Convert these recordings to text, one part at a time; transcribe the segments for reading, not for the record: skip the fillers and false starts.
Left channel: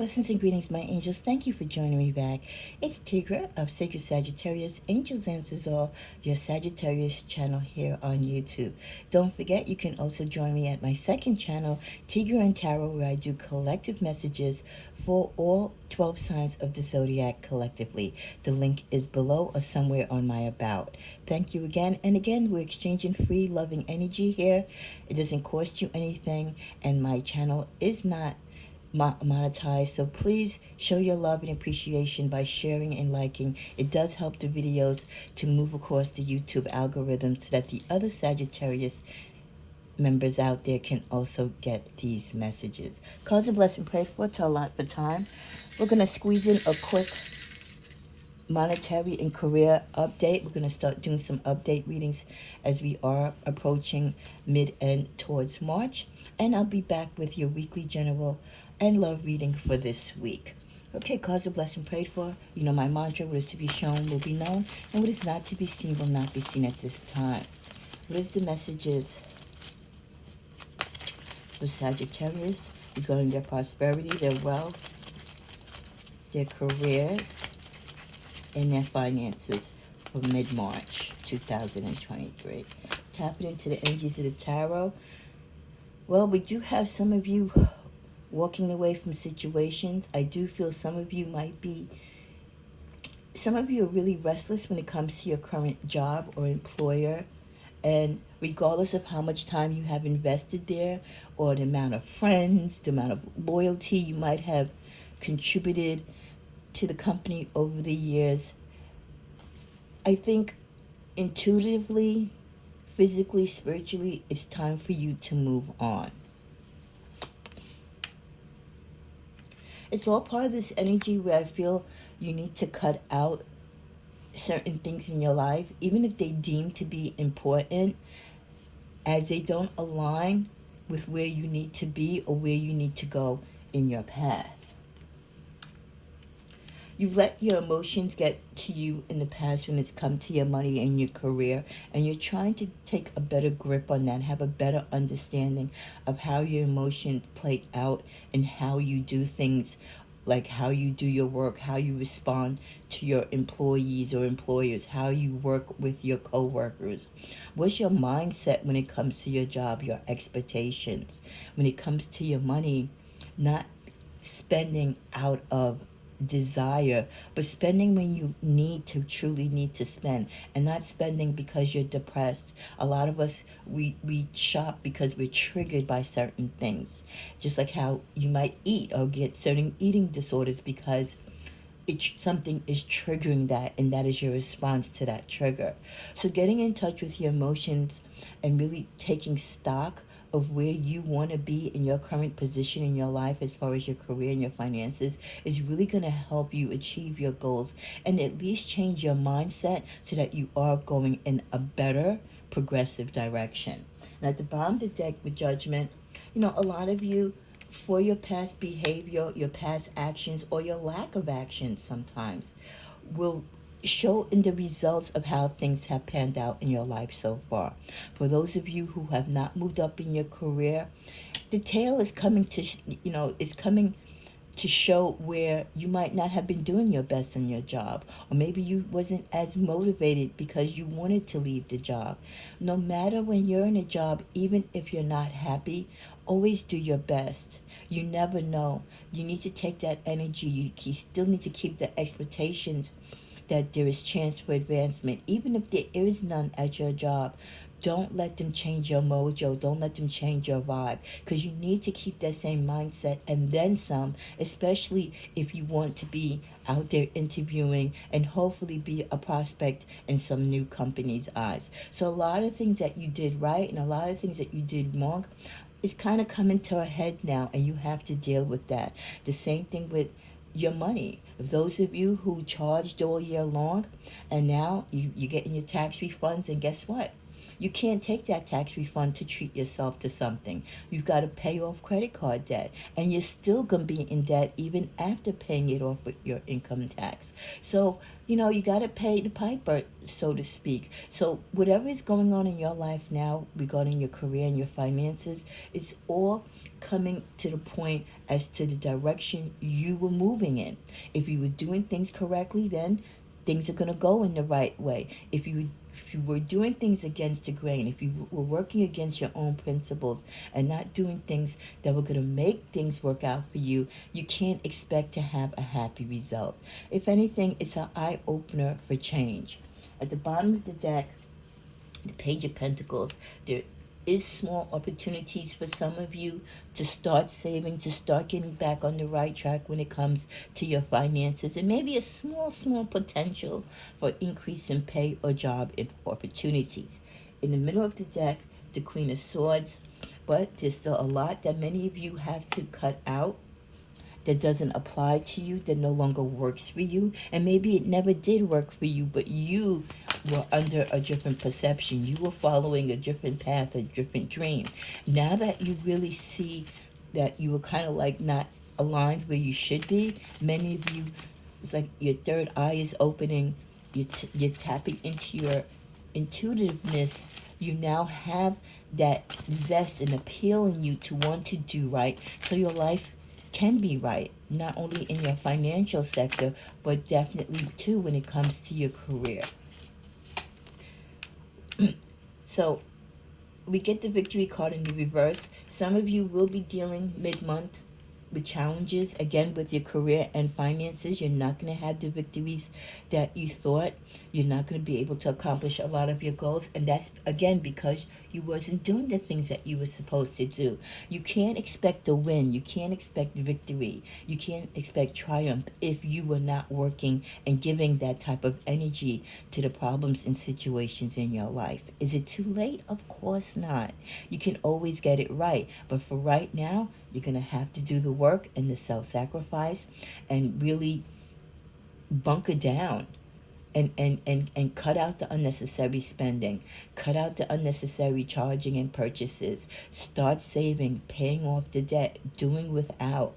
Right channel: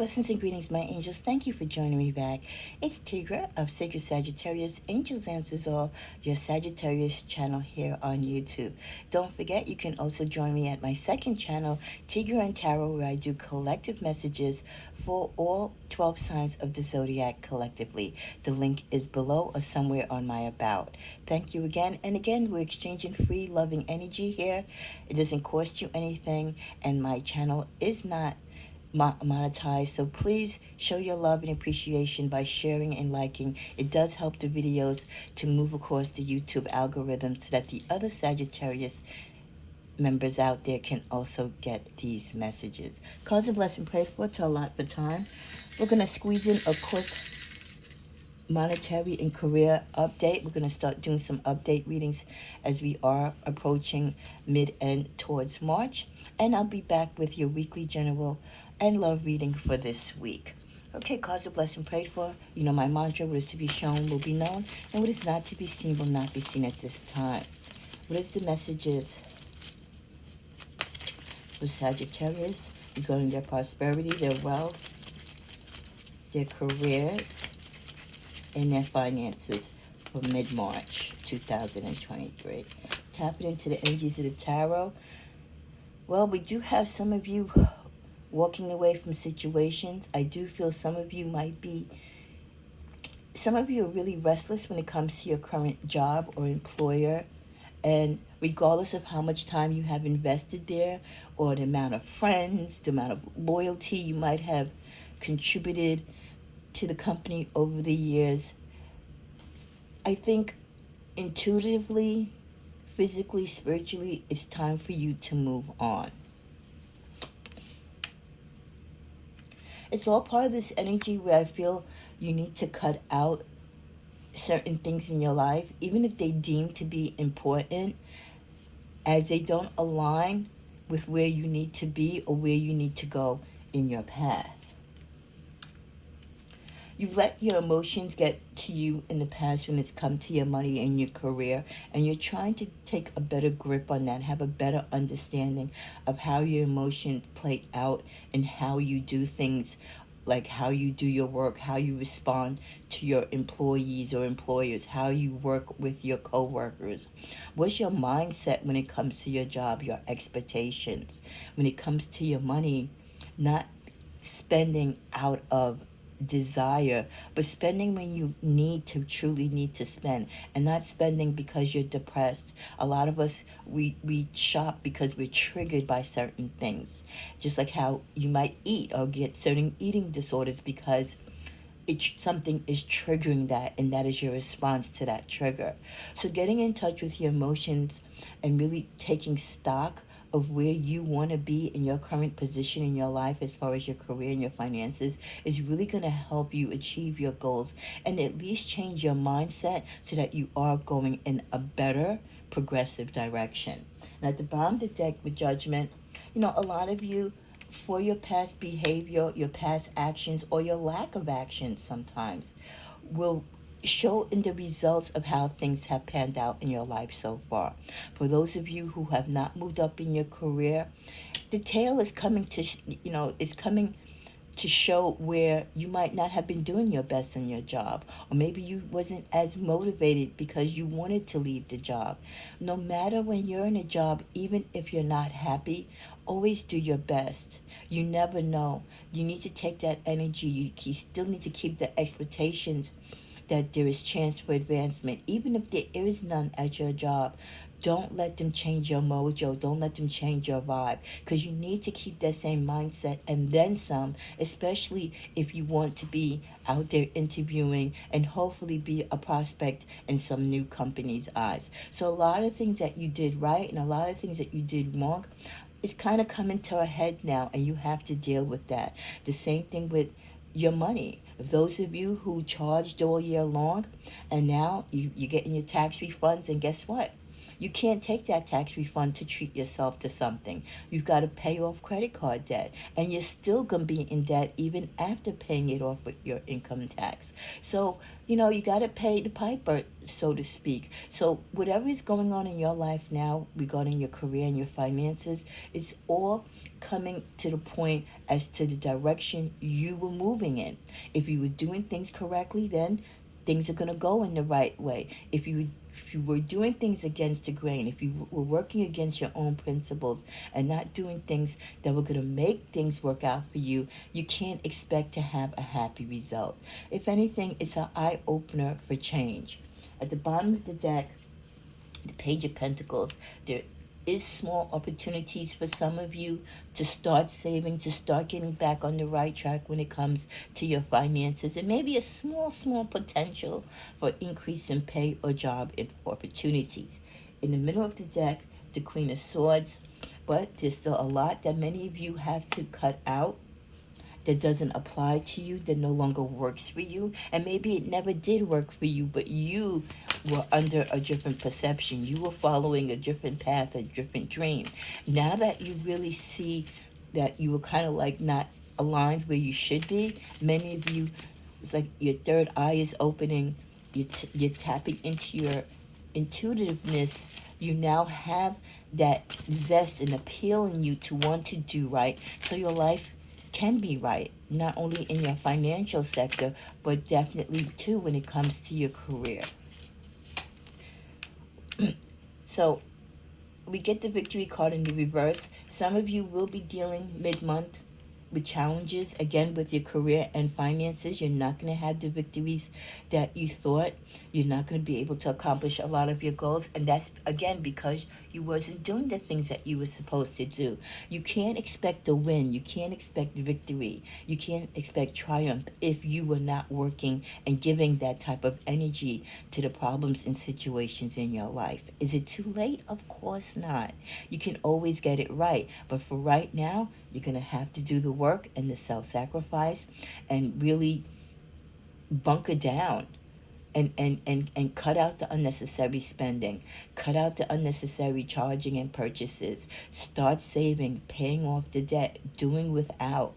Blessings and greetings, my angels. Thank you for joining me back. It's Tigra of Sacred Sagittarius. Angels Answers All, your Sagittarius channel here on YouTube. Don't forget, you can also join me at my second channel, Tigra and Tarot, where I do collective messages for all 12 signs of the Zodiac collectively. The link is below or somewhere on my About. Thank you again. And again, we're exchanging free, loving energy here. It doesn't cost you anything, and my channel is not monetize, so please show your love and appreciation by sharing and liking. It does help the videos to move across the YouTube algorithm so that the other Sagittarius members out there can also get these messages. Cause a blessing, pray for, to allot for time. We're going to squeeze in a quick monetary and career update. We're going to start doing some update readings as we are approaching mid-end towards March, and I'll be back with your weekly general and love reading for this week. Okay, cause a blessing, prayed for. You know my mantra: what is to be shown will be known, and what is not to be seen will not be seen at this time. What is the messages for Sagittarius regarding their prosperity, their wealth, their careers, and their finances for mid-March 2023? Tapping into the energies of the tarot. Well, we do have some of you walking away from situations. I do feel some of you are really restless when it comes to your current job or employer. And regardless of how much time you have invested there, or the amount of friends, the amount of loyalty you might have contributed to the company over the years, I think intuitively, physically, spiritually, it's time for you to move on. It's all part of this energy where I feel you need to cut out certain things in your life, even if they deem to be important, as they don't align with where you need to be or where you need to go in your path. You've let your emotions get to you in the past when it's come to your money and your career, and you're trying to take a better grip on that, have a better understanding of how your emotions play out and how you do things, like how you do your work, how you respond to your employees or employers, how you work with your co-workers. What's your mindset when it comes to your job, your expectations? When it comes to your money, not spending out of desire, but spending when you truly need to spend, and not spending because you're depressed. A lot of us, we shop because we're triggered by certain things, just like how you might eat or get certain eating disorders because something is triggering that, and that is your response to that trigger. So getting in touch with your emotions and really taking stock of where you want to be in your current position in your life as far as your career and your finances is really going to help you achieve your goals, and at least change your mindset so that you are going in a better progressive direction. And at the bottom of the deck with Judgment, a lot of you, for your past behavior, your past actions, or your lack of actions sometimes, will show in the results of how things have panned out in your life so far. For those of you who have not moved up in your career, the tail is coming to, is coming to show where you might not have been doing your best in your job, or maybe you wasn't as motivated because you wanted to leave the job. No matter when you're in a job, even if you're not happy, always do your best. You never know. You need to take that energy. You still need to keep the expectations that there is chance for advancement, even if there is none at your job. Don't let them change your mojo. Don't let them change your vibe, because you need to keep that same mindset and then some, especially if you want to be out there interviewing and hopefully be a prospect in some new company's eyes. So a lot of things that you did right and a lot of things that you did wrong is kind of coming to a head now, and you have to deal with that. The same thing with your money. Those of you who charged all year long, and now you're getting your tax refunds, and guess what? You can't take that tax refund to treat yourself to something. You've got to pay off credit card debt, and you're still going to be in debt even after paying it off with your income tax. So, you got to pay the piper, so to speak. So, whatever is going on in your life now regarding your career and your finances, it's all coming to the point as to the direction you were moving in. If you were doing things correctly, then things are going to go in the right way. If you were doing things against the grain, if you were working against your own principles and not doing things that were going to make things work out for you, you can't expect to have a happy result. If anything, it's an eye-opener for change. At the bottom of the deck, the Page of Pentacles, there is small opportunities for some of you to start saving, to start getting back on the right track when it comes to your finances, and maybe a small potential for increase in pay or job opportunities. In the middle of the deck, the Queen of Swords, but there's still a lot that many of you have to cut out that doesn't apply to you, that no longer works for you, and maybe it never did work for you, but you were under a different perception. You were following a different path, a different dream. Now that you really see that you were kind of like not aligned where you should be, many of you, it's like your third eye is opening, you're tapping into your intuitiveness. You now have that zest and appeal in you to want to do right, so your life can be right, not only in your financial sector, but definitely too when it comes to your career. So we get the Victory card in the reverse. Some of you will be dealing mid-month with challenges, again, with your career and finances. You're not going to have the victories that you thought. You're not going to be able to accomplish a lot of your goals, and that's, again, because you wasn't doing the things that you were supposed to do. You can't expect a win. You can't expect victory. You can't expect triumph if you were not working and giving that type of energy to the problems and situations in your life. Is it too late? Of course not. You can always get it right, but for right now, you're going to have to do the work and the self-sacrifice and really bunker down and cut out the unnecessary spending. Cut out the unnecessary charging and purchases. Start saving, paying off the debt, doing without.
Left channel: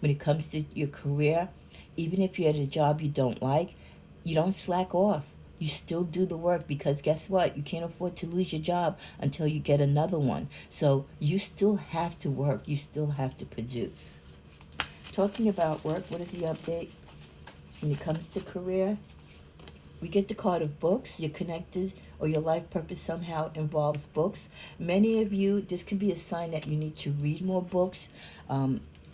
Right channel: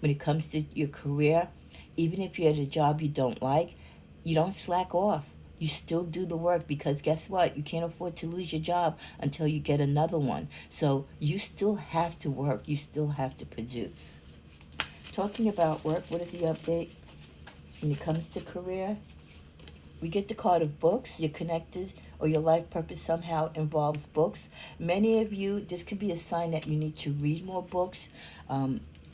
When it comes to your career, even if you're at a job you don't like, you don't slack off. You still do the work, because guess what? You can't afford to lose your job until you get another one. So you still have to work. You still have to produce. Talking about work, what is the update when it comes to career? We get the card of books. You're connected, or your life purpose somehow involves books. Many of you, this could be a sign that you need to read more books.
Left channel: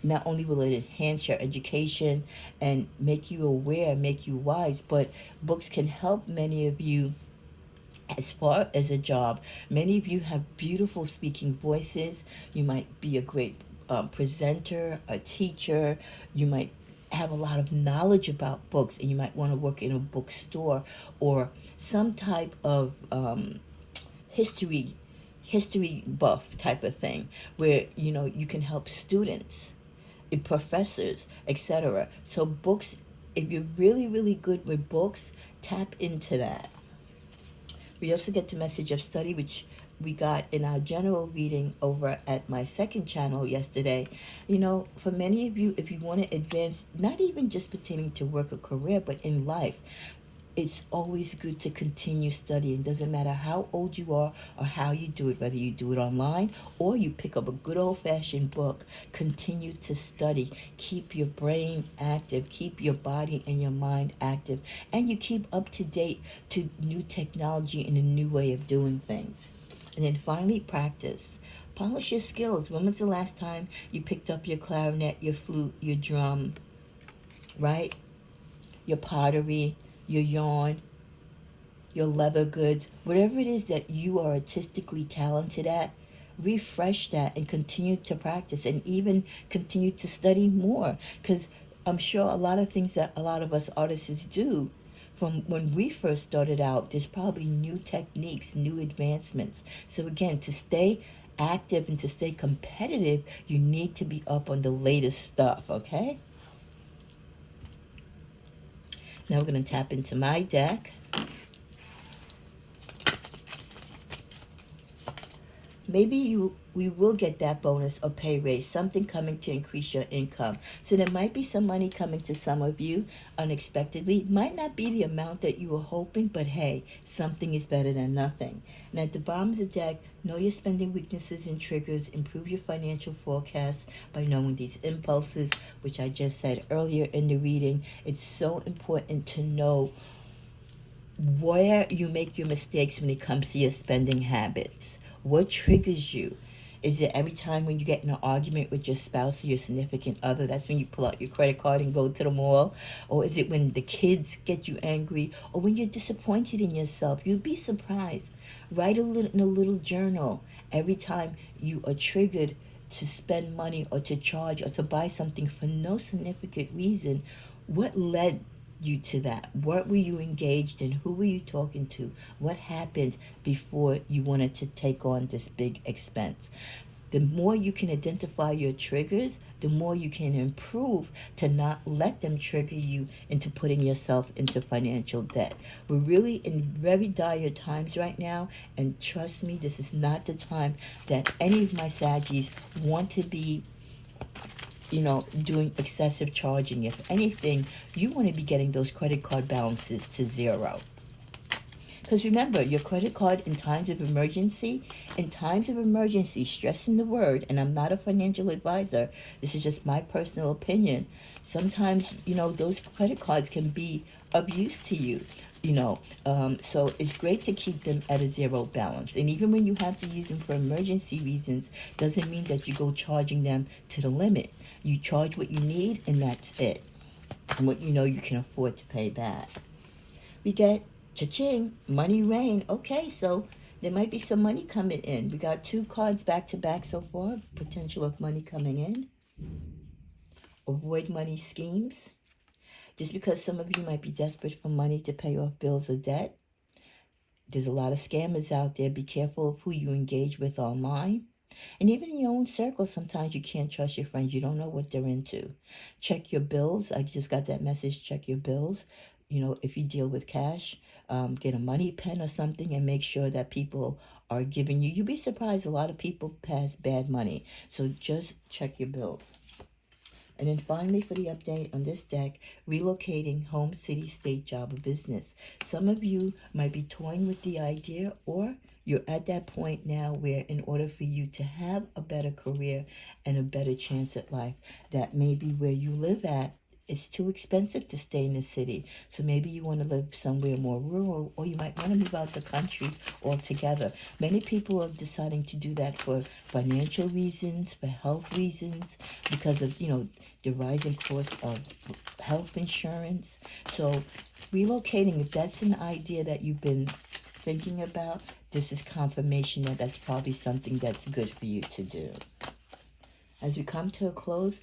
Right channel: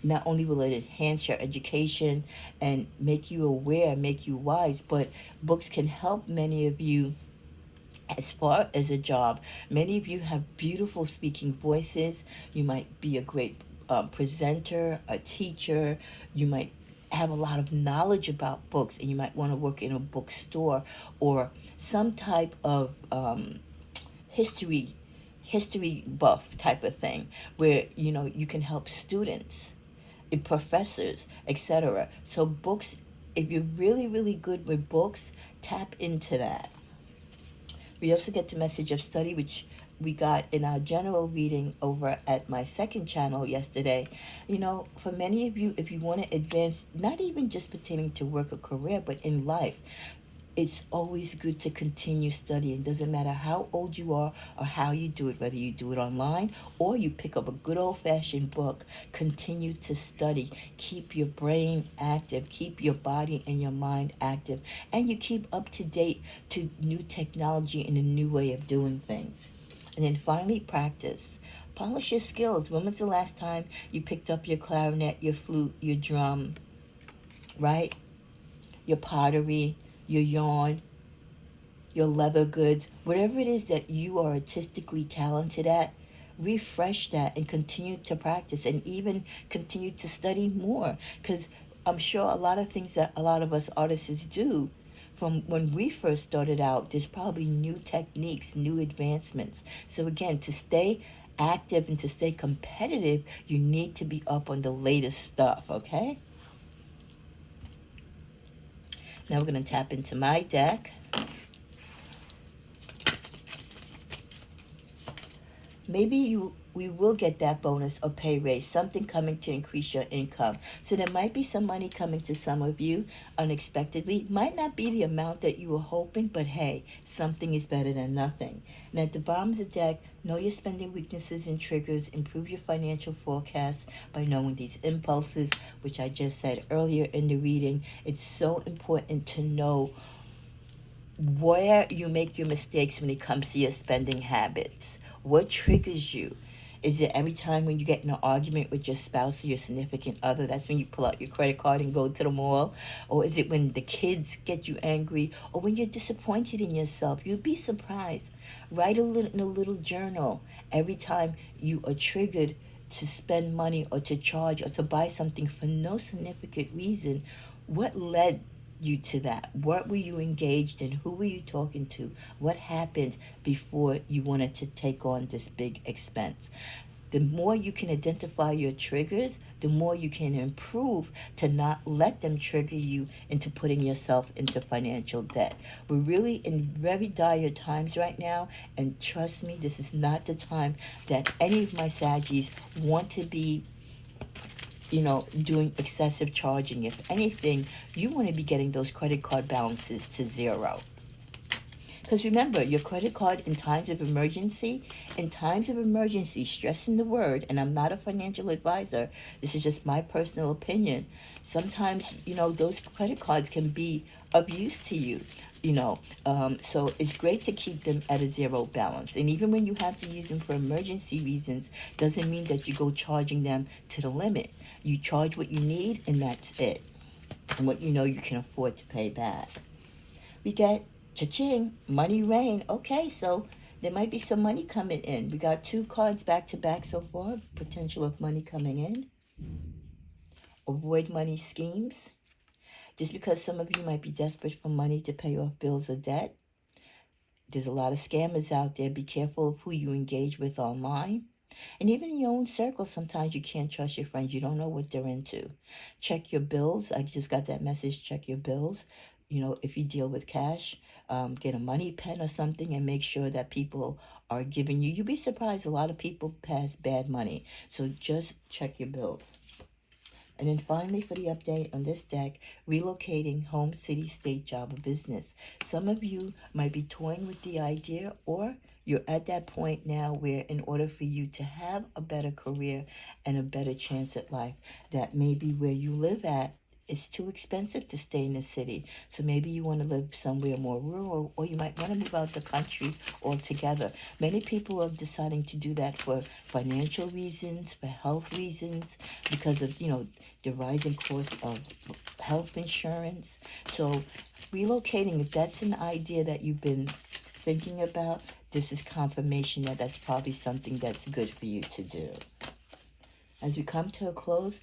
Not only will it enhance your education and make you aware, make you wise, but books can help many of you as far as a job. Many of you have beautiful speaking voices. You might be a great presenter, a teacher. You might have a lot of knowledge about books, and you might want to work in a bookstore or some type of history buff type of thing, where you can help students, professors, etc. So books, if you're really good with books, tap into that. We also get the message of study, which we got in our general reading over at my second channel yesterday. For many of you, if you want to advance, not even just pertaining to work or career, but in life, it's always good to continue studying. Doesn't matter how old you are or how you do it, whether you do it online or you pick up a good old-fashioned book. Continue to study. Keep your brain active. Keep your body and your mind active. And you keep up to date to new technology and a new way of doing things. And then finally, practice. Polish your skills. When was the last time you picked up your clarinet, your flute, your drum, right? Your pottery, your yarn, your leather goods, whatever it is that you are artistically talented at, refresh that and continue to practice, and even continue to study more, because I'm sure a lot of things that a lot of us artists do from when we first started out, there's probably new techniques, new advancements. So again, to stay active and to stay competitive, you need to be up on the latest stuff, okay? Now we're going to tap into my deck. maybe we will get that bonus or pay raise, something coming to increase your income. So there might be some money coming to some of you unexpectedly. Might not be the amount that you were hoping, but hey, something is better than nothing. And at the bottom of the deck, know your spending weaknesses and triggers. Improve your financial forecast by knowing these impulses, which I just said earlier in the reading. It's so important to know where you make your mistakes when it comes to your spending habits. What triggers you? Is it every time when you get in an argument with your spouse or your significant other, that's when you pull out your credit card and go to the mall? Or is it when the kids get you angry? Or when you're disappointed in yourself? You'd be surprised. Write in a little journal every time you are triggered to spend money or to charge or to buy something for no significant reason. What led you to that? What were you engaged in? Who were you talking to? What happened before you wanted to take on this big expense? The more you can identify your triggers, the more you can improve to not let them trigger you into putting yourself into financial debt. We're really in very dire times right now, and trust me, this is not the time that any of my Saggies want to be doing excessive charging. If anything, you want to be getting those credit card balances to zero. Because remember, your credit card in times of emergency, stressing the word, and I'm not a financial advisor, this is just my personal opinion. Sometimes, those credit cards can be of use to you. So it's great to keep them at a zero balance. And even when you have to use them for emergency reasons, doesn't mean that you go charging them to the limit. You charge what you need, and that's it. And what you can afford to pay back. We get cha-ching, money rain. Okay, so there might be some money coming in. We got 2 cards back to back so far. Potential of money coming in. Avoid money schemes. Just because some of you might be desperate for money to pay off bills or debt. There's a lot of scammers out there. Be careful of who you engage with online. And even in your own circle, sometimes you can't trust your friends. You don't know what they're into. Check your bills. I just got that message. Check your bills. If you deal with cash, get a money pen or something and make sure that people are giving you. You'd be surprised. A lot of people pass bad money. So just check your bills. And then finally, for the update on this deck, relocating home, city, state, job, or business. Some of you might be toying with the idea, or you're at that point now where in order for you to have a better career and a better chance at life, that maybe where you live at, it's too expensive to stay in the city. So maybe you want to live somewhere more rural, or you might want to move out the country altogether. Many people are deciding to do that for financial reasons, for health reasons, because of, the rising cost of health insurance. So relocating, if that's an idea that you've been thinking about, this is confirmation that that's probably something that's good for you to do. As we come to a close,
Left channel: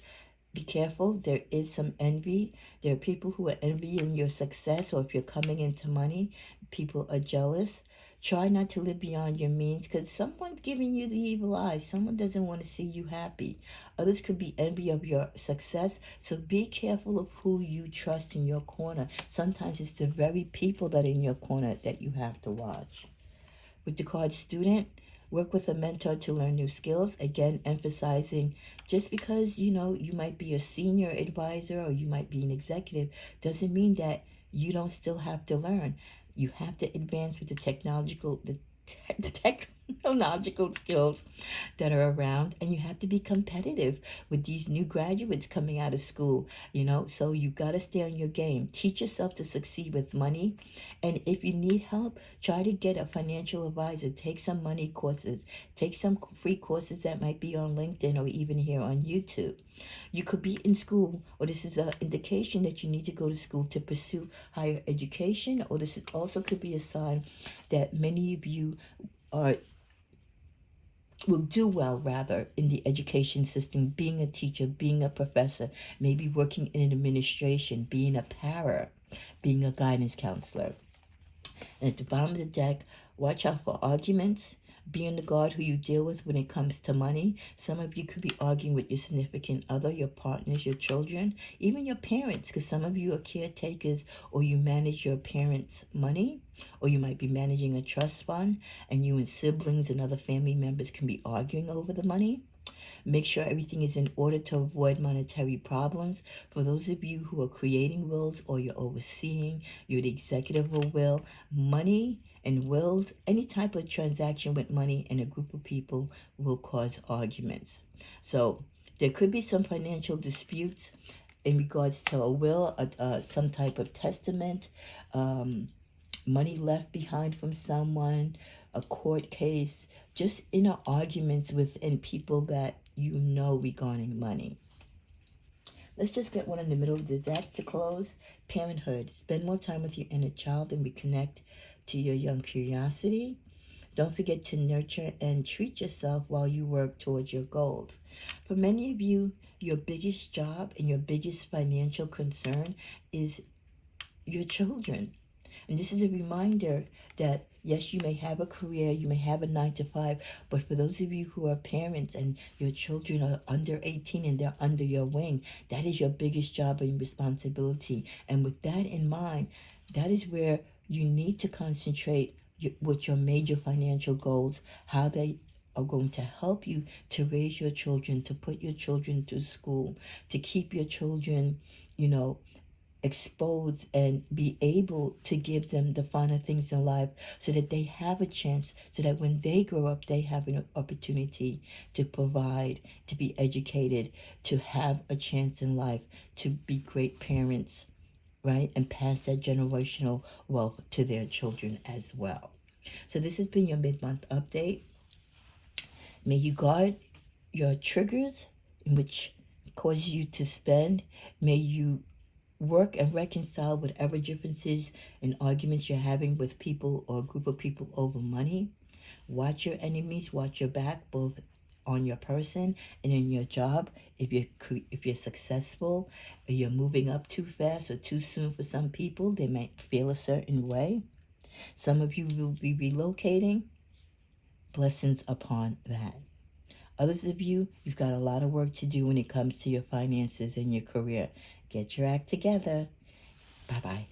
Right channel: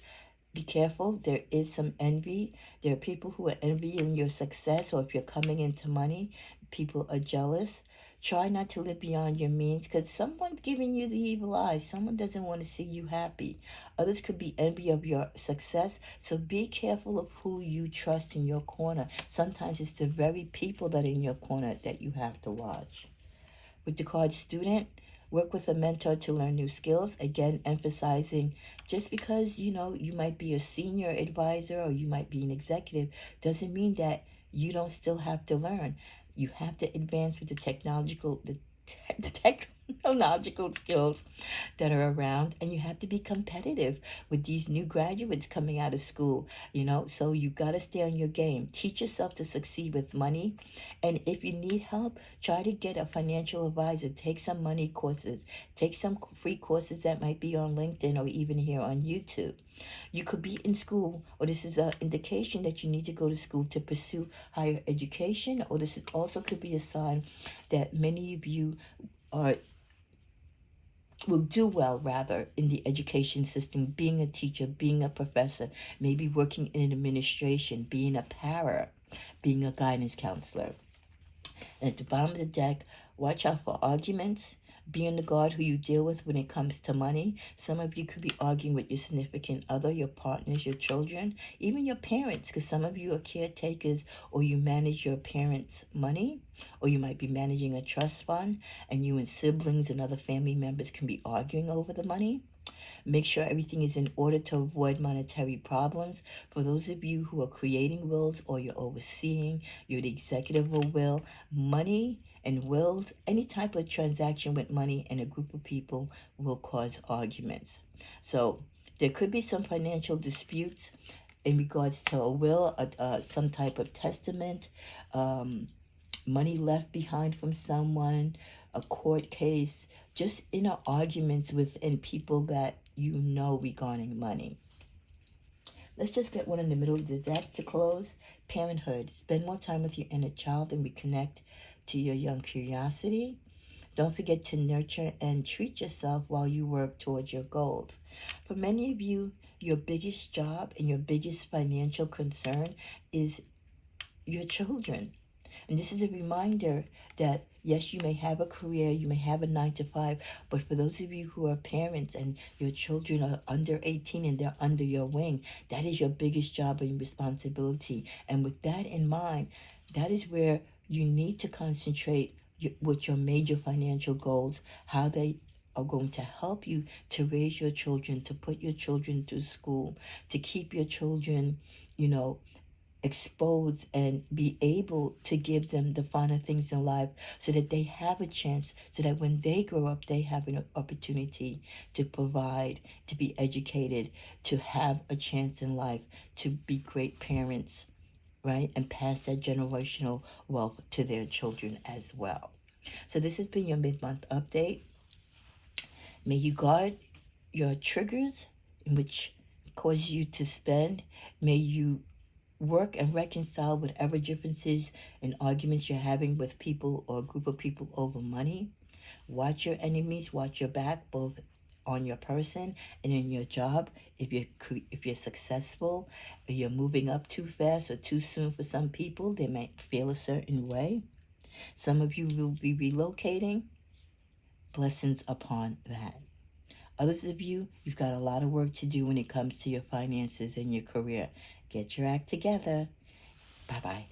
be careful. There is some envy. There are people who are envying your success, or if you're coming into money, people are jealous. Try not to live beyond your means, because someone's giving you the evil eye. Someone doesn't want to see you happy. Others could be envy of your success. So be careful of who you trust in your corner. Sometimes it's the very people that are in your corner that you have to watch. With the card student, work with a mentor to learn new skills. Again, emphasizing just because, you might be a senior advisor or you might be an executive, doesn't mean that you don't still have to learn. You have to advance with the technological skills that are around, and you have to be competitive with these new graduates coming out of school, so you got to stay on your game. Teach yourself to succeed with money, and if you need help, try to get a financial advisor. Take some money courses, take some free courses that might be on LinkedIn or even here on YouTube. You could be in school, or this is an indication that you need to go to school to pursue higher education, or this also could be a sign that many of you will do well, rather, in the education system, being a teacher, being a professor, maybe working in administration, being a para, being a guidance counselor. And at the bottom of the deck, watch out for arguments. Be on the guard who you deal with when it comes to money. Some of you could be arguing with your significant other, your partners, your children, even your parents, because some of you are caretakers or you manage your parents' money, or you might be managing a trust fund, and you and siblings and other family members can be arguing over the money. Make sure everything is in order to avoid monetary problems. For those of you who are creating wills or you're overseeing, you're the executive of a will, money and wills, any type of transaction with money in a group of people will cause arguments. So there could be some financial disputes in regards to a will, some type of testament, money left behind from someone, a court case, just inner arguments within people that you know regarding money. Let's just get one in the middle of the deck to close. Parenthood. Spend more time with your inner child and reconnect to your young curiosity. Don't forget to nurture and treat yourself while you work towards your goals. For many of you, your biggest job and your biggest financial concern is your children. And this is a reminder that yes, you may have a career, you may have a 9 to 5, but for those of you who are parents and your children are under 18 and they're under your wing, that is your biggest job and responsibility. And with that in mind, that is where you need to concentrate with your major financial goals, how they are going to help you to raise your children, to put your children through school, to keep your children, exposed and be able to give them the finer things in life so that they have a chance, so that when they grow up, they have an opportunity to provide, to be educated, to have a chance in life, to be great parents, right? And pass that generational wealth to their children as well. So this has been your mid-month update. May you guard your triggers in which cause you to spend. May you work and reconcile whatever differences and arguments you're having with people or a group of people over money. Watch your enemies, watch your back, both on your person and in your job. If you're successful, or you're moving up too fast or too soon for some people, they might feel a certain way. Some of you will be relocating. Blessings upon that. Others of you, you've got a lot of work to do when it comes to your finances and your career. Get your act together. Bye-bye.